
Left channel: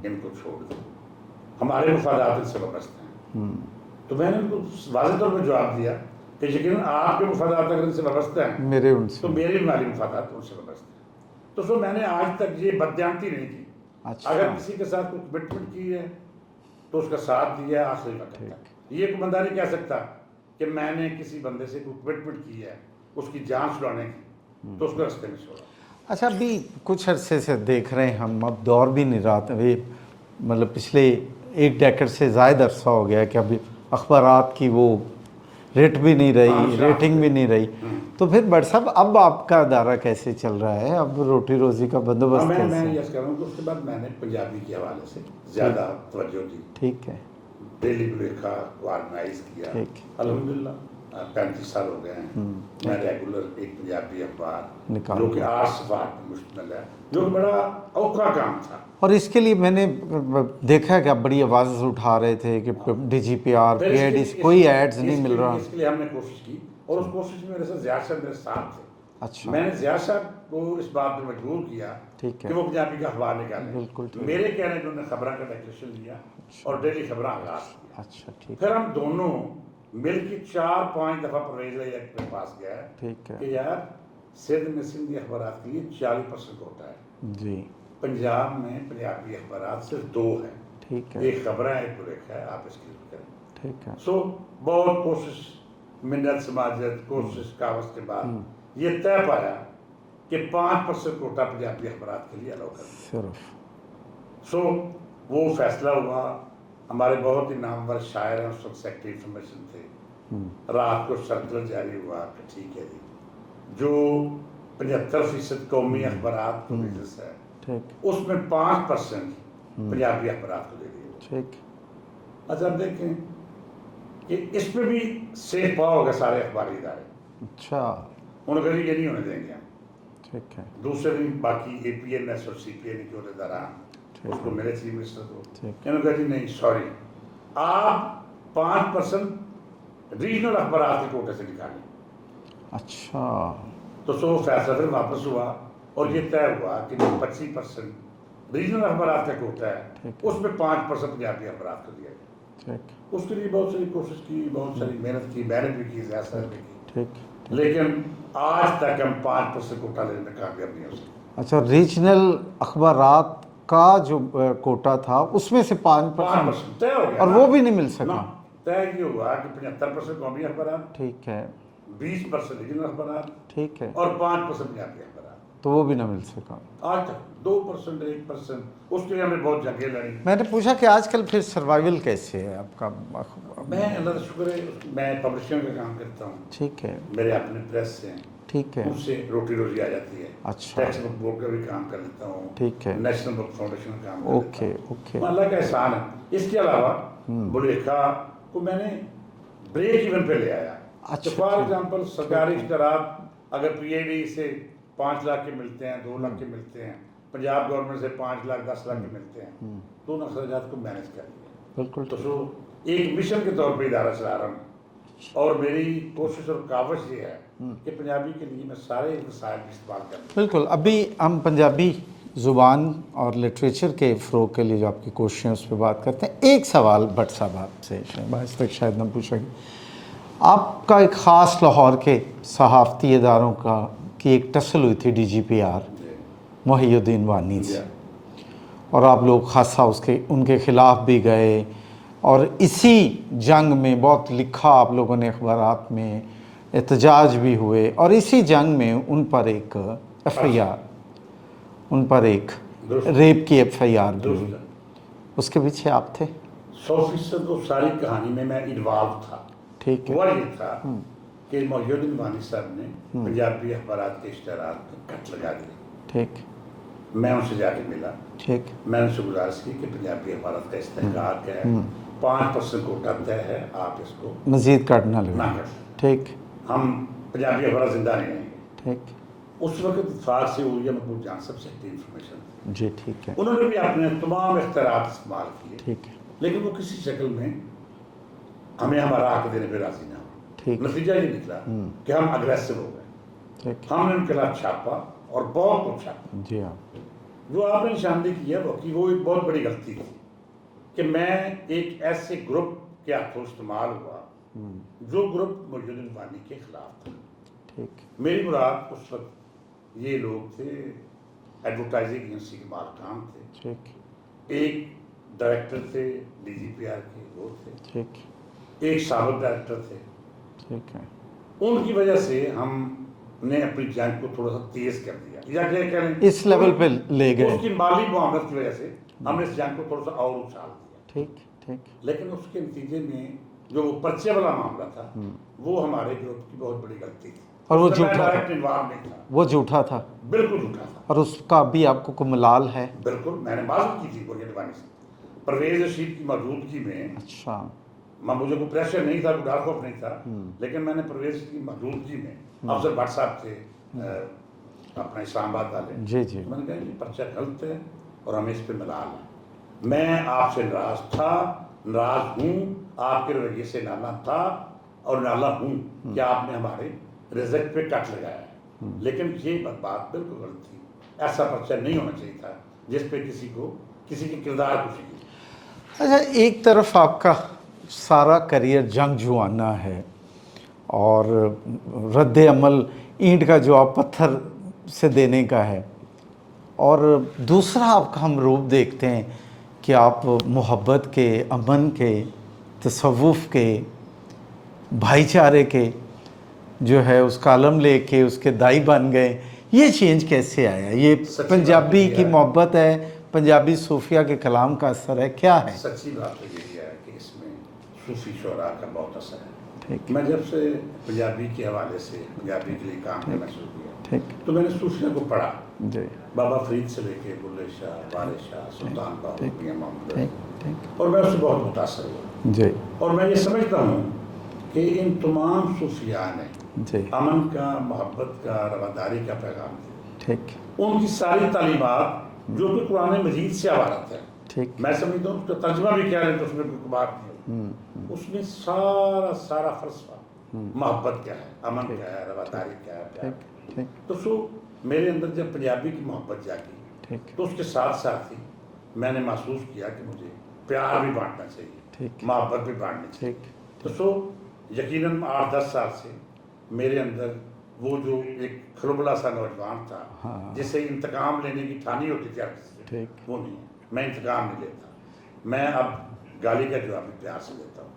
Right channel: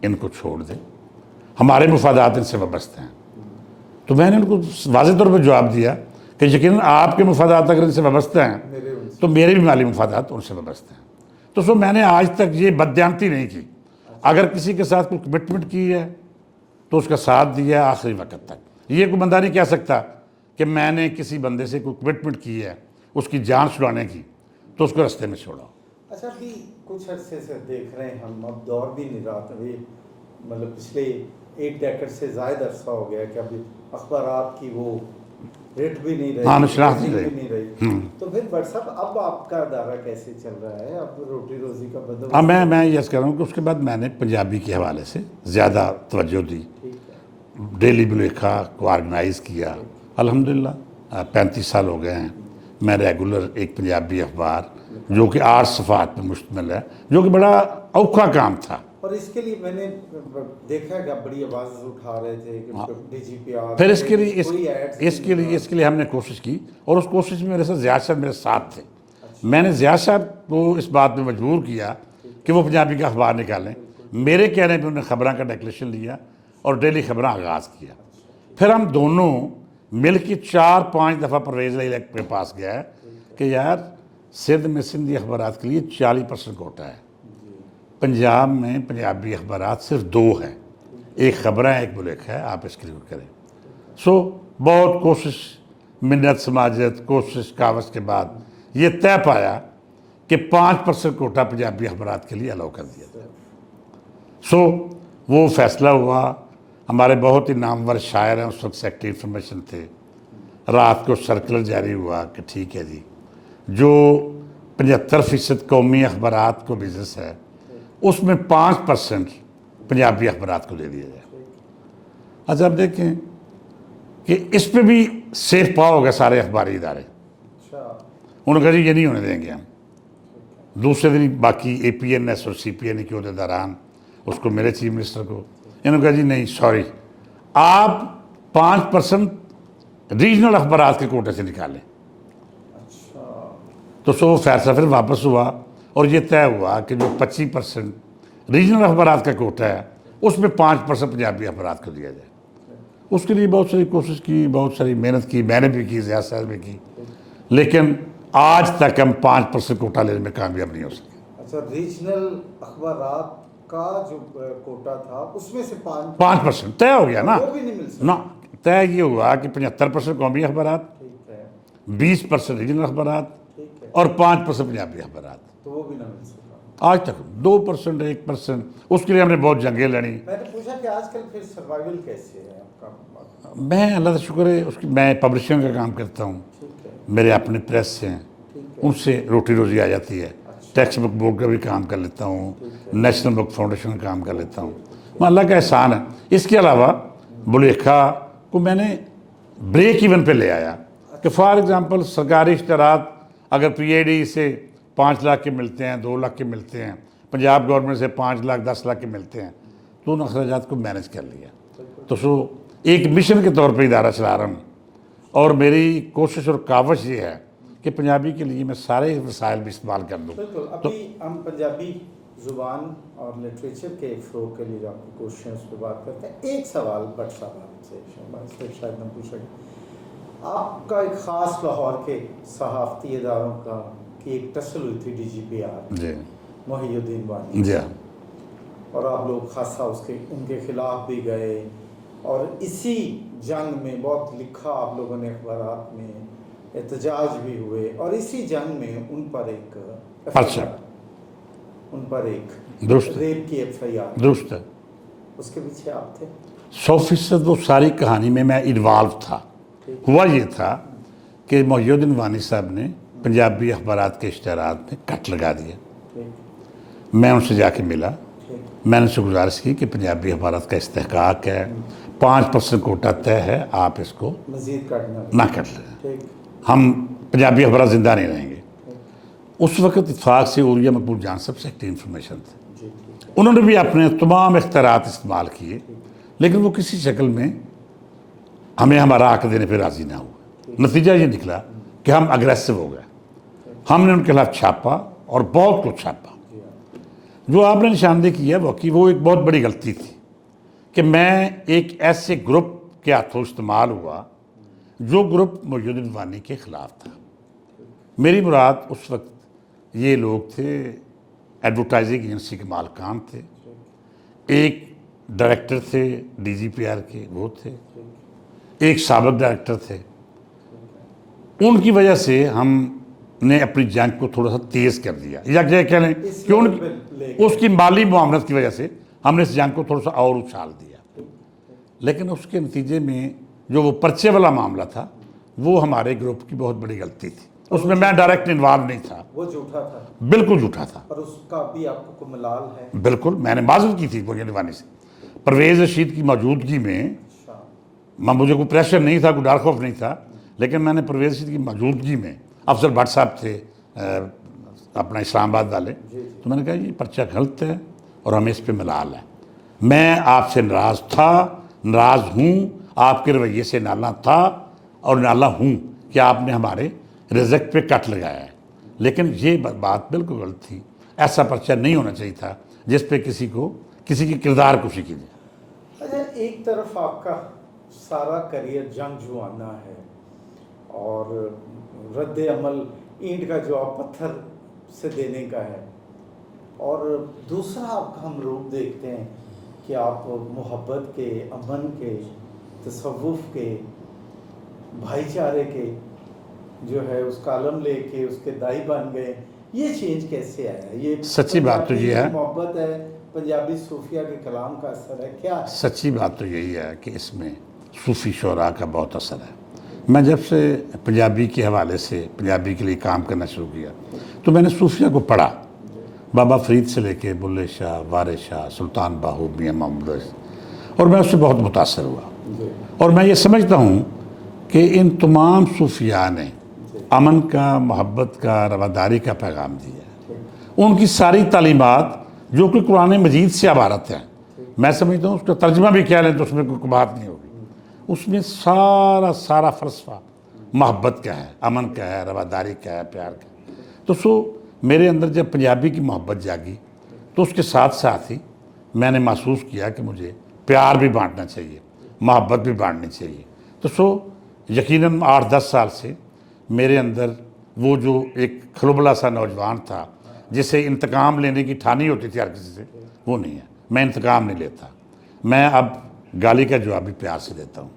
ان کو چھوڑ دیں, ہمارے مفادات ان سے وابستہ ہیں. تو میں نے ان کو واضح طور پہ جواب دیا کہ یقیناً آپ کے مفادات اگر ان سے وابستہ ہیں تو میرے بھی مالی مفادات ان سے وابستہ ہیں. تو سو میں نے آج تک یہ بددیانتی نہیں کی. اگر کسی کے ساتھ کوئی کمٹمنٹ کی ہے تو اس کا ساتھ دیا ہے آخری وقت تک. یہ کوئی بندہ نہیں کہہ سکتا کہ میں نے کسی بندے سے کوئی کمٹمنٹ کی ہے اس کی جان چھڑانے کی تو اس کو رستے میں چھوڑا. اچھا, ابھی کچھ عرصے سے دیکھ رہے ہیں ہم, اب دور بھی نہیں رہا, مطلب پچھلے 1 ڈیکیڈ سے زائد عرصہ ہو گیا کہ ابھی اخبارات کی وہ ریٹ بھی نہیں رہی, ریٹنگ بھی نہیں رہی. تو پھر بٹ صاحب اب آپ کا ادارہ کیسے چل رہا ہے, اب روٹی روزی کا بندوبست؟ میں یہ کہہ رہا ہوں کہ اس کے بعد میں نے پنجابی کے حوالے سے زیادہ توجہ دی. ٹھیک ہے. ڈیلی بلیکھا کو آرگنائز کیا, الحمدللہ 35 سال ہو گئے ہیں میں ریگولر ایک پنجابی اخبار جو کہ 8 صفحات پہ مشتمل ہے، جو کہ بڑا اوکھا کام تھا. اور اس کے لیے میں نے دیکھا کہ آپ بڑی آواز اٹھا رہے تھے کہ ڈی جی پی آر پھر اس کے لیے کوئی ایڈز نہیں مل رہا. اس کے لیے ہم نے کوشش کی، اور اس کوشش میں میرے ساتھ زیاد صاحب میرے ساتھ تھے. اچھا. میں نے زیاد صاحب کو اس بات پہ مجبور کیا کہ وہ پنجابی کا اخبار نکالیں. میرے کہنے پہ انہوں نے خبراں کا ڈیکلیریشن لیا اور ڈیلی خبراں آغاز کیا. اچھا ٹھیک. پھر ہم دونوں مل کے 4-5 دفعہ پرویز الیکٹ کے پاس گیا کہ یار سندھ میں سندھی اخبارات کے لیے 40% کوٹا ہے. جی. پنجاب میں پنجابی اخبارات صرف 2 ہیں، ٹھیک ہے. ایک خبریں ایک بلیک ہے، آپ اس کے لیے کریں. ٹھیک ہے. سو بہت کوشش، منت سماجت، کوشش کاوش کے بعد یہ طے پایا کہ 5% کوٹا پنجابی اخبارات کے لیے الاؤ کر دیا. صرف سو وہ فیصلہ ہوا. ہمارے بہت ہی نامور شاعر ہیں اس وقت سیکٹری انفارمیشن تھے. رات کو سرکلر جاری ہوا کہ ٹھیک ہے جی، جو 75% قومی اخبارات کو بزنس ہے اس میں 5% پنجابی اخبارات کو دے دیا جائے. ٹھیک. اچھا آپ دیکھیں کہ اس پہ بھی سیف پا ہو گئے سارے اخباری ادارے. اچھا. انہوں نے کہا جی یہ نہیں ہونے دیں گے ہم. ٹھیک ہے. دوسرے دن باقی اے پی این ایس اور سی پی این کے عہدیداران اس کو میرے چیف منسٹر کو انہوں نے کہا جی نہیں سوری، آپ 5% ریجنل اخبارات کے کوٹے سے نکالیں. اچھا. تو سو وہ فیصلہ پھر واپس ہوا اور یہ طے ہوا کہ جو 25% ریجنل اخبارات کا کوٹا ہے اس میں 5% پنجابی اخبارات کو دیا جائے. ٹھیک. اس کے لیے بہت ساری کوشش کی، بہت ساری محنت کی، میں نے بھی کی، زیاد صاحب نے کی، ٹھیک. لیکن آج تک ہم 5% کوٹا لینے میں کامیاب نہیں ہو سکے. اچھا. ریجنل اخبارات کا جو کوٹا تھا اس میں سے 5% طے ہو گیا اور نا. وہ بھی نہیں مل سکا. نا طے یہ ہوا کہ 75% قومی اخبارات، ٹھیک ہے. 20% ریجنل اخبارات ٹھیک ہے. اور 5% پنجابی اخبارات. تو وہ بھی نہ مل سکا. آج تک 2%، 1%. اس کے لیے ہم نے بہت جنگیں لڑی. میں نے پوچھا کہ آج کل پھر سروائیول کیسے ہے آپ کا؟ میں اللہ کا شکر ہے اس کی، میں پبلشنگ کا کام کرتا ہوں. ٹھیک ہے. میرے اپنے پریس ہیں، ٹھیک ہے. ان سے روٹی روزی آ جاتی ہے. اچھا. ٹیکسٹ بک بورڈ کا بھی کام کر لیتا ہوں. ٹھیک ہے. نیشنل بک فاؤنڈیشن کا کام کر لیتا ہوں. اوکے. اللہ کا احسان ہے. اس کے علاوہ بلیکھا کو میں نے بریک ایون پہ لے آیا. کہ فار ایگزامپل سرکاری اشتہارات اگر پی اے ڈی سے 5 لاکھ کے ملتے ہیں، 2 لاکھ کے ملتے ہیں، پنجاب گورنمنٹ سے 5 لاکھ 10 لاکھ کے ملتے ہیں، تو ان اخراجات کو مینیج کر لیا. بالکل. تو سو ایک مشن کے طور پہ ادارہ چلا رہا ہوں، اور میری کوشش اور کاوش یہ ہے کہ پنجابی کے لیے میں سارے وسائل بھی استعمال کر دوں. بالکل. ابھی ہم پنجابی زبان اور لٹریچر کے فروغ کے لیے جو آپ کی کوششیں اس پہ بات کرتے ہیں. ایک سوال بٹ صاحب آپ سے آج تک شاید نہ پوچھا گیا. آپ کا ایک خاص لاہور کے صحافتی اداروں کی ایک ٹسل ہوئی تھی D G P R G محی الدین وانی جی سے، اور آپ لوگ خاصا ان کے خلاف بھی گئے، اور اسی جنگ میں بہت لکھا آپ لوگوں نے اخبارات میں، احتجاج بھی ہوئے، اور اسی جنگ میں ان پر ایک ایف آئی آر، ان پر ایک ریپ کی ایف آئی آر. درست ہے. اس کے پیچھے آپ تھے؟ 100% وہ ساری کہانی میں انوالو تھا. ٹھیک. ہوا یہ تھا کہ محی الدین وانی صاحب نے پنجابی اخبارات کے اشتہارات میں کٹ لگا دیا. ٹھیک. میں ان سے جا کے ملا. ٹھیک. میں نے ان سے گزارش کی کہ پنجابی اخبارات کا استحقاق ہے، 5% کوٹا طے ہے، آپ اس کو مزید کاٹنا نہ کر لیں. ٹھیک. ہم پنجابی اخبارات زندہ نہیں رہیں گے. ٹھیک. اس وقت اتفاق سے اوریا مقبول جان صاحب سیکٹری انفارمیشن تھے. جی ٹھیک ہے. انہوں نے بھی اپنے تمام اختیارات استعمال کیے، ٹھیک. لیکن وہ کسی شکل میں ہمیں ہمارا حق دینے پہ راضی نہ ہو. ٹھیک. نتیجہ یہ نکلا کہ ہم اگریسو ہو گئے. ٹھیک. ہم نے ان کے خلاف چھاپا اور بہت کچھ چھاپا. جی ہاں. جو آپ نے نشاندہی کی ہے وہ ایک بہت بڑی غلطی تھی کہ میں ایک ایسے گروپ کے ہاتھوں استعمال ہوا جو گروپ محی الدین وانی کے خلاف تھا. ٹھیک. میری مراد اس وقت یہ لوگ تھے، ایڈورٹائزنگ ایجنسی کے مالکان تھے، ٹھیک. ایک ڈائریکٹر تھے ڈی جی پی آر کے، وہ تھے، ٹھیک. ایک سابق ڈائریکٹر تھے. ٹھیک ہے. ان کی وجہ سے ہم نے اپنی جنگ کو تھوڑا سا تیز کر دیا، یا کہہ لیں اس لیول پہ لے گئے. اس کی مالی معاملت کی وجہ سے ہم نے اس جنگ کو تھوڑا سا اور اچھال دیا. ٹھیک. ٹھیک. لیکن اس کے نتیجے میں جو وہ پرچے والا معاملہ تھا وہ ہمارے گروپ کی بہت بڑی غلطی تھی. اس میں میں ڈائریکٹ انوالو نہیں تھا. وہ جھوٹا تھا. بالکل جھوٹا تھا. اور اس کا بھی آپ کو کوئی ملال ہے؟ بالکل. میں نے معذرت کی تھی محی الدین وانی سے. پرویز رشید کی موجودگی میں اچھا. مجھے کوئی پریشر نہیں تھا، کوئی ڈر خوف نہیں تھا، لیکن میں نے پرویز رشید کی موجودگی میں، افضل بٹ صاحب تھے اپنا اسلام آباد والے، جی جی تو میں نے کہا یہ پرچہ غلط ہے اور ہمیں اس پہ ملال ہے، میں آپ سے ناراض تھا، ناراض ہوں، آپ کے رویے سے نالا تھا اور نالا ہوں کہ آپ نے ہمارے رزق پہ کٹ لگایا ہے، لیکن یہ بات بالکل غلط تھی، ایسا پرچہ نہیں ہونا چاہیے تھا جس پہ کسی کی کردار کشی کی جائے۔ اچھا، ایک طرف آپ کا سارا کریئر جنگجوانہ ہے اور رد عمل اینٹ کا جواب پتھر سے دینے کا ہے، اور دوسرا آپ کا ہم روپ دیکھتے ہیں کہ آپ محبت کے، امن کے، تصوف کے، بھائی چارے کے جو ہے اس کا علم لے کے اس کے دائی بن گئے۔ یہ چینج کیسے آیا؟ یہ سچی بات تو پنجابی یہ کی ہے، محبت ہے، پنجابی صوفیہ کے کلام کا اثر ہے، کیا ہے؟ سچی بات تو یہی ہے کہ اس میں صوفی شعراء کا بہت اثر ہے۔ میں جب سے پنجابی کے حوالے سے پنجابی کے لیے کام کرنا شروع کیا تو میں نے صوفیہ کو پڑھا، جی بابا فرید سے لے کے بلے شاہ، وارث شاہ، سلطان باہو، میاں محمد علی، اور میں اس سے بہت متاثر ہوا، جی اور میں یہ سمجھتا ہوں کہ ان تمام صوفیاء نے جی امن کا، محبت کا، رواداری کا پیغام دیا ہے۔ ٹھیک ان کی ساری تعلیمات جو کہ قرآن مجید سے عبارت ہے، ٹھیک میں سمجھتا ہوں اس کا ترجمہ بھی کیا لیں تو اس میں کوئی بات نہیں ہوگی، اس میں سارا فلسفہ محبت کا ہے، امن کا ہے، رواداری کا ہے، پیار کا ہے۔ تو میرے اندر جب پنجابی کی محبت جاگی تو اس کے ساتھ ساتھ ہی میں نے محسوس کیا کہ مجھے پیار بھی بانٹنا چاہیے، محبت بھی بانٹنی چاہیے۔ تو یقیناً 8-10 سال سے میرے اندر وہ جو ایک کھلبلا سا نوجوان تھا جسے انتقام لینے کی ٹھانی ہوتی تھی ہر کسی سے، وہ نہیں ہے۔ میں انتقام نہیں لیتا، میں اب گالی کا جواب بھی پیار سے دیتا ہوں،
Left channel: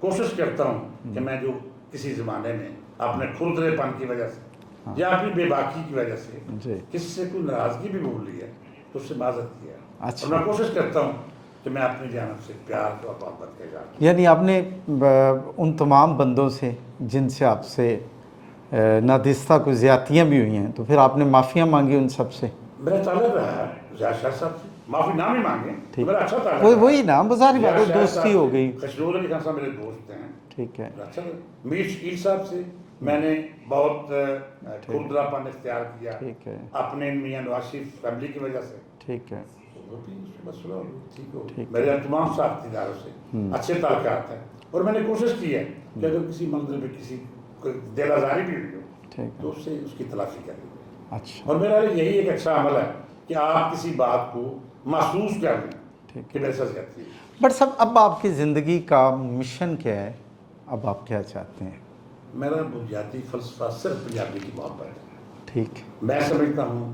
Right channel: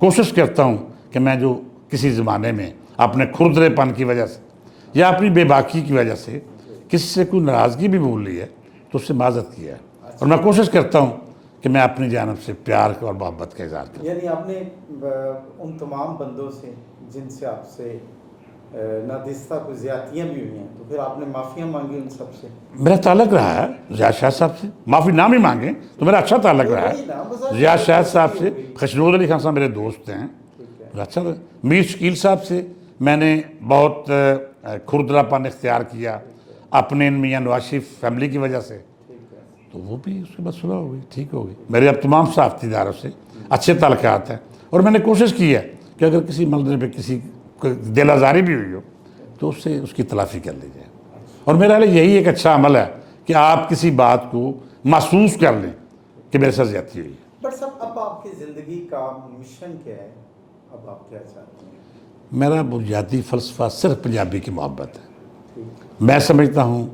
کوشش کرتا ہوں کہ میں جو کسی زمانے میں اپنے کھردرے پن کی وجہ سے یا اپنی بے باکی کی وجہ سے کسی سے کوئی ناراضگی بھی بھول لی ہے تو اس سے معذرت کیا ہے، اور میں کوشش کرتا ہوں کہ میں اپنی جانب سے پیار اور محبت کا اظہار کروں۔ یعنی آپ نے ان تمام بندوں سے جن سے آپ سے نادستہ کوئی زیادتیاں بھی ہوئی ہیں تو پھر آپ نے معافیاں مانگی ان سب سے؟ میرا تعلق رہا ہے زیاد شاہ صاحب سے، معافی نہ بھی مانگیں تو میرا اچھا تعلق رہا وہی نا، بظاہر ہے۔ زیاد شاہ صاحب دوستی ہو سے، گئی۔ خشنود علی خان صاحب میرے دوست ہیں، ٹھیک ہے اچھا رہا۔ میر شکیل صاحب سے میں نے بہت کھردرا پن اختیار کیا اپنے میاں نواز شریف فیملی کی وجہ سے، ٹھیک ہے تو وہ بھی اس کے بعد صلح ہو گئی، ٹھیک ہو گئی۔ میرے اب تمام صحافتی اداروں سے اچھے تعلقات ہیں، اور میں نے کوشش کی ہے کہ اگر کسی منظر پہ کسی کو دل آزاری بھی ہوئی ہو تو اس سے اس کی تلافی کر لی جائے۔ اچھا، اور میرا حال یہی ایک اچھا عمل ہے کہ آپ کسی بات کو محسوس کر لیں کہ میرے ساتھ زیادتی ہوئی۔ بٹ صاحب اب آپ کی زندگی کا مشن کیا ہے؟ اب آپ کیا چاہتے ہیں؟ میرا بنیادی فلسفہ صرف پنجابی کی محبت ہے۔ ٹھیک میں سمجھتا ہوں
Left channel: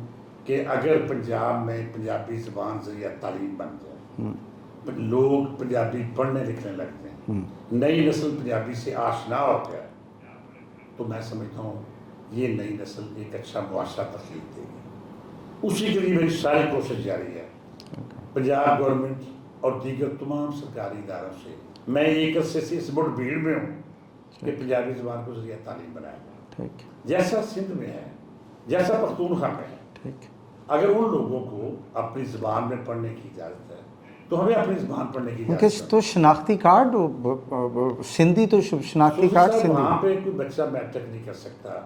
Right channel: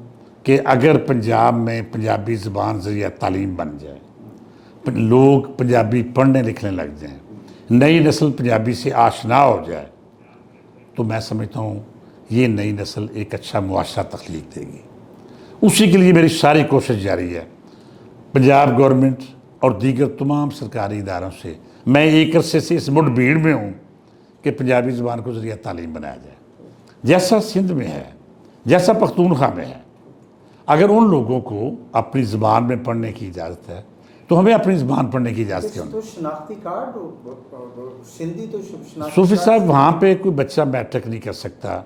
کہ اگر پنجاب میں پنجابی زبان ذریعہ تعلیم بن جائے، لوگ پنجابی پڑھنے لکھنے لگ جائیں، نئی نسل پنجابی سے آشنا ہو جائے، تو میں سمجھتا ہوں یہ نئی نسل ایک اچھا معاشرہ تخلیق دے گی۔ اسی کے لیے میری ساری کوشش جاری ہے۔ پنجاب گورنمنٹ اور دیگر تمام سرکاری اداروں سے میں ایک عرصے سے اس مڈ بھیڑ میں ہوں کہ پنجابی زبان کو ذریعہ تعلیم بنایا جائے، جیسا سندھ میں ہے، جیسا پختونخوا میں ہے۔ اگر ان لوگوں کو اپنی زبان میں پڑھنے کی اجازت ہے تو ہمیں اپنی زبان پڑھنے کی اجازت کیوں نہیں؟ تو شناختی کارڈ سندھی تو شناختی صوفی کارڈ صاحب سے- وہاں پہ کوئی بچہ میٹرک نہیں کر سکتا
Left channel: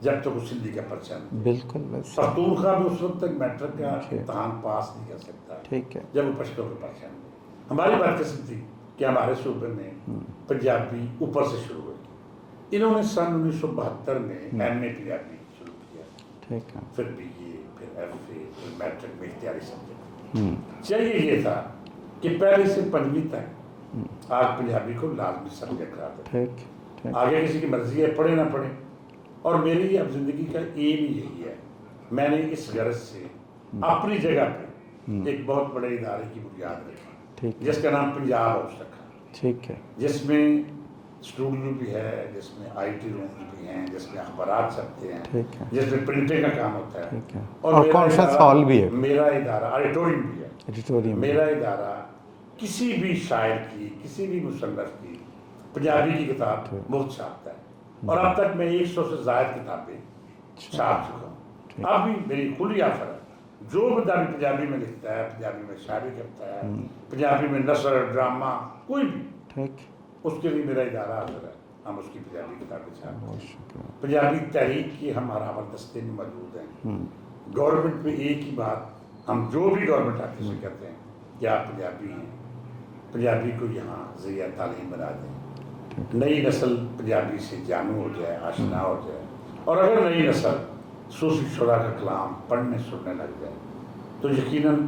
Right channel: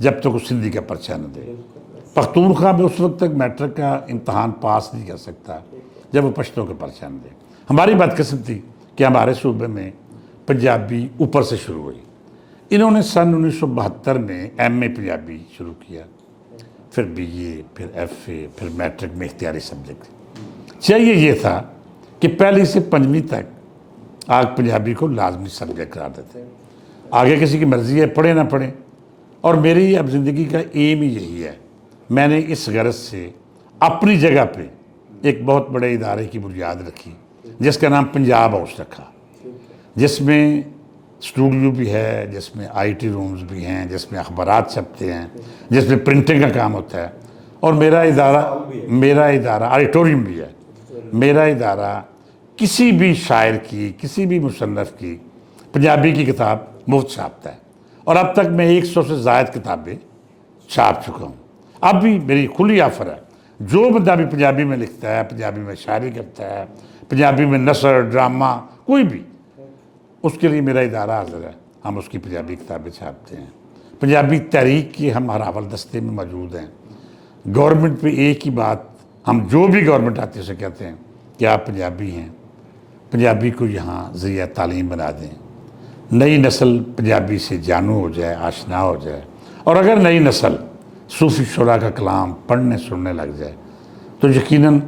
جب تک وہ سندھی کا پرچہ نہ دے۔ بالکل بس پختونخوا میں اس وقت تک میٹرک کا امتحان پاس نہیں کر سکتا ٹھیک ہے جب وہ پشتوں کا پرچہ نہ دے۔ ہماری بدقسمتی کہ ہمارے صوبے میں پنجابی اوپر سے شروع ہوئی۔ انہوں نے سن 1972 میں ایم اے پنجابی شروع کیا، ٹھیک ہے پھر بی اے، پھر ایف اے، پھر میٹرک میں اختیاری سبجیکٹ۔ چاہیے یہ تھا کہ پہلی سے 5ویں تک آج پنجابی کو لازمی سبجیکٹ قرار دیتے، ٹھیک آگے کسی کی مرضی ہے پڑھے نہ پڑھے۔ اور میری اب زندگی کا ایم ہی یہی ہے، میں نے اس غرض سے اپنی جگہ پہ ایک بہت بڑے ادارے کی بنیاد رکھی جس کا نام پنجاب ہاؤس رکھا، ٹھیک ہے جس میں اسٹوڈیو بھی ہے، جس میں آئی ٹی رومز بھی ہیں، جس میں اخبارات چھپتے ہیں، جس میں پرنٹنگ کا کام ہوتا ہے، اور میرا conference hall بھی ہے، ادارہ آڈیٹوریم بھی ہے۔ ایڈیٹوریم میرا ادارہ کسی بھی شاعر کی، کسی بھی مصنف کی پنجابی کی کتاب مفت چھاپتا ہے، اور اب تک میں 100 سے زائد کتابیں چھاپ چکا ہوں۔ اب بھی میری کھلی آفر ہے، جو بندہ بھی پنجابی میں لکھتا ہے، پنجابی میں شاعری کرتا ہے، پنجابی میں نثر، ڈرامہ، کوئی بھی، ٹھیک اس کے لیے میرا ادارہ حاضر ہے، ہم اس کی پنجابی کتابیں چھاپتے ہیں۔ پنجابی تحریک کی ہم ہراول دستے میں موجود ہیں۔ گورنمنٹ پہ ایک ہی بات ہم جو بھی گورنمنٹ آتی ہے اسے کہتے ہیں کہ آپ پنجابی ہیں، پنجابی کو یہاں ذریعہ تعلیم بنا دیں، نئی نسل پنجابی سے جانو ہو جائے، آشنا ہو جائے، اور اگر نئی نسل صوفی شعراء کا کلام پڑھنے سننے لگ جائے تو یقیناً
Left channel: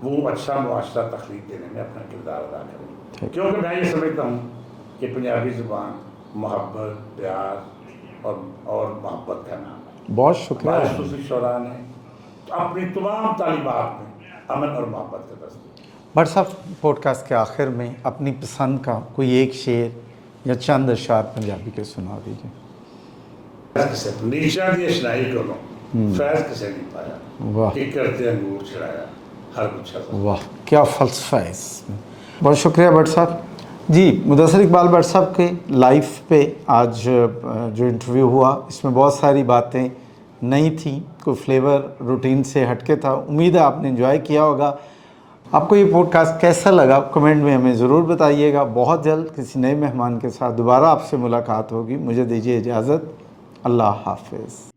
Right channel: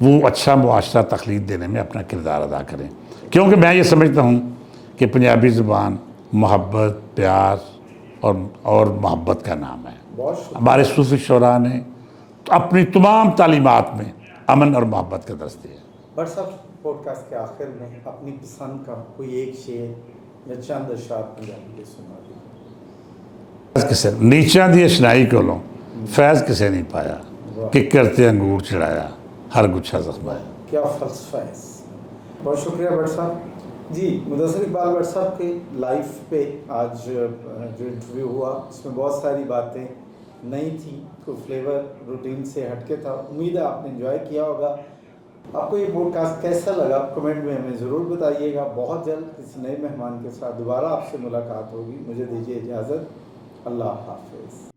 وہ اچھا معاشرہ تخلیق دینے میں اپنا کردار ادا کریں، کیونکہ میں یہ سمجھتا ہوں کہ پنجابی زبان محبت، پیار اور محبت کا نام ہے۔ بہت شکریہ۔ ہمارے صوفی شعراء نے اپنی تمام تعلیمات میں امن اور محبت کا درس دیا۔ بٹ صاحب پوڈ کاسٹ کے آخر میں اپنی پسند کا کوئی ایک شعر یا چند اشعار پنجابی کے سنا دیجیے۔ فیض کسے نیچا دی اشنائی کولوں فیض کسے نہیں پایا، واہ کہ کرتے انگور چڑھایا ہر گچھا زخم۔ واہ کیا فلسفہ ہے اس میں۔ بہت شکریہ بٹ صاحب۔ جی مدثر اقبال بٹ صاحب کے لائف پہ آج جو انٹرویو ہوا اس میں بہت ساری باتیں نئی تھیں، کوئی فلیور روٹین سے ہٹ کے تھا۔ امید ہے آپ نے انجوائے کیا ہوگا۔ آپ کو یہ پوڈ کاسٹ کیسا لگا کمنٹ میں ہمیں ضرور بتائیے گا۔ بہت جلد کسی نئے مہمان کے ساتھ دوبارہ آپ سے ملاقات ہوگی۔ مجھے دیجیے اجازت، اللہ حافظ۔